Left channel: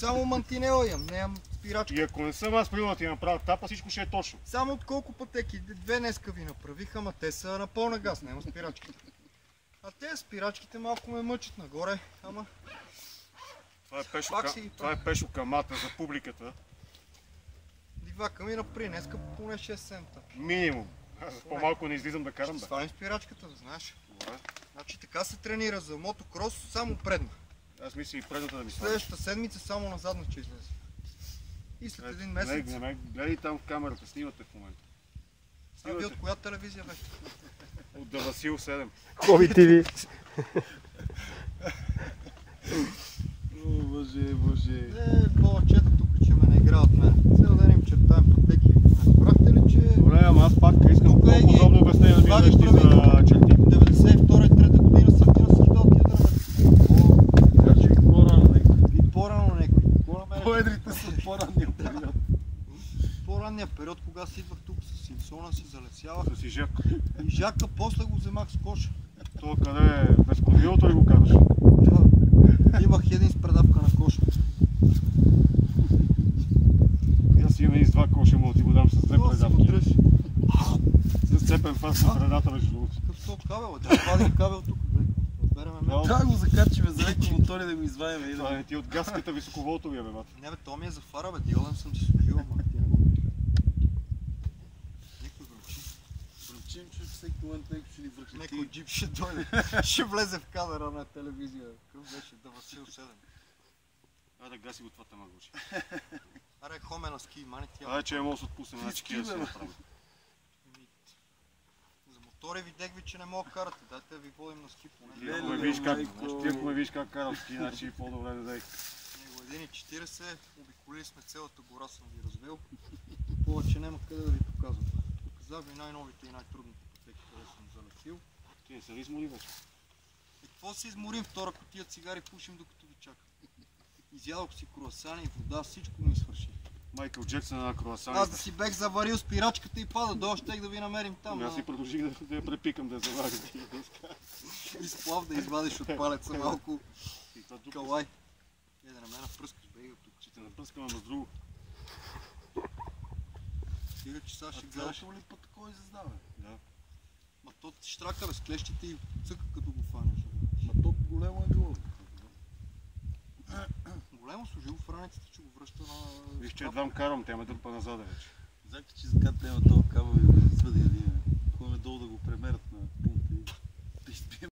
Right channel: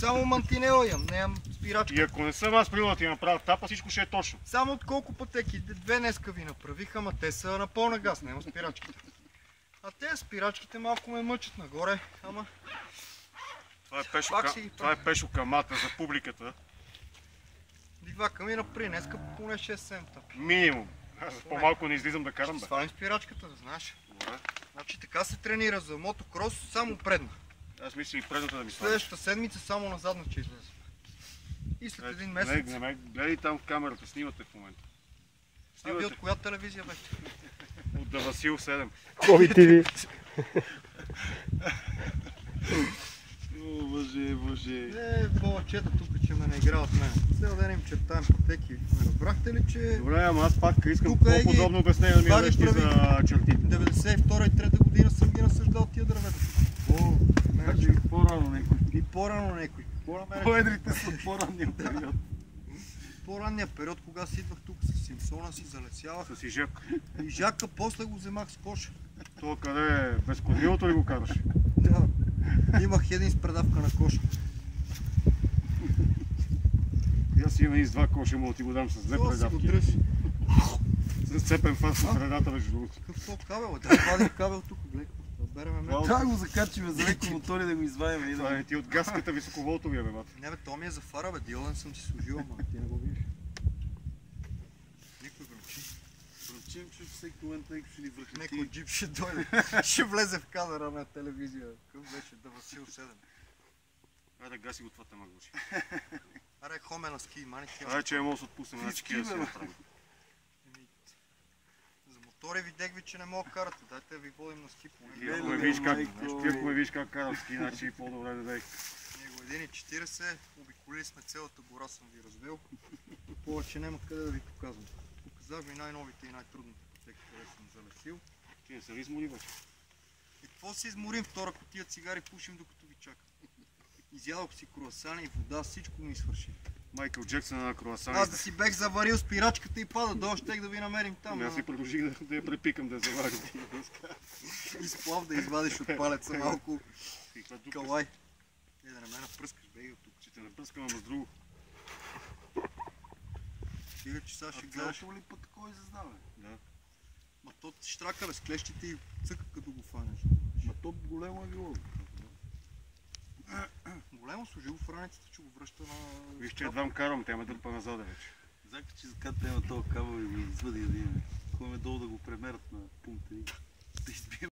Само мантинела имам, не имам спирачка. И ако не съм аз приел да ти направя тапа, всичко ще е точно. Само от колко пътеки? 2 днеска ви направих, ама те са на пълна газ, няма спирачки. А те спирачките малко ме мъчат нагоре, ама... Това е пешо камата за публиката. Дивака ми напри днеска поне 6-7 тъпи. Минимум. Аз по-малко не излизам да карам. Ще свалим спирачката, знаеш. Значи така се тренира за мотокрос, само предна. Аз мисля и предната да ги Следващата седмица само назадна ще излезе. И след един месец... Гледай там камерата, снимате в момента. А ви от коя телевизия бе? От Васил 7. Коя телевизия? О, боже. Повечето тук, че ме не игра от мен. Цел ден им чертаем пътеки. Разбрахте ли, че... Добре, ама аз пак искам подробно обяснение да ми прави дадеш за черти. 92 и 3 година съм мина съждал тия дървета. Значи по-рано някой. И по-рано някой. Поедрите са по-ранния период. По-ранния период, кога си идвах тук с Симпсона, си залесявах. Си жака. И жака, после го вземах с коша. Това къде е? Без кормилото ли го казваш? Да. Имах един с предавка на коша. Аз си имам и с 2 коша, мога да ти го дам с 2 предавки. С цепен фас на средата на живота. Какъв топ кабел, бе? Трябва да вадим кабел тук. Береме мен. Трябва да го закачиме за електромотори да го извадим. Това е ти от каската високоволтовия, бе, бат. Не бе, то ми е за фара, бе. Диоден съм си служил, ама ти не го никой бе. Чим чуш всеки момент някой ще ни пръхне. Некой джип ще дойде. Ще влезе в камера на телевизия. Къв беше да Васил 7. Айде, гаси го това тамагочи. Аре, хоме на ски, мани тия. Айде, че не мога да се отпусне всички. За мотори видех ви, че не мога да карате. Дайте да ви водим на ски поне. Виж как карам ски, значи по-добре не дай. Ние години 40, обиколили сме цялата гора, съм ви развел. Повече няма къде да ви показвам. Казах ви най-новите и най-трудните пътеки, къде съм залетил. Ти не се ли измори, бе? И какво си изморим? Втора кутия цигари пушим докато ви чакам. Изядох си круасани и вода, всичко ми свърши. Майкъл Джексън на круасани. Аз да си бех заварил спирачката и пада, долу щех да ви намерим там. Аз си продължих да я препикам да се варя. И сплав да извадиш от палеца малко калай. Да не ме напръскаш, бе, и от тук. Ще те напръскам с друго. Стига, че сега ще гледаш. Цялото ли път такова изяздава? Ма то ти штрака, бе, с клещите и цък.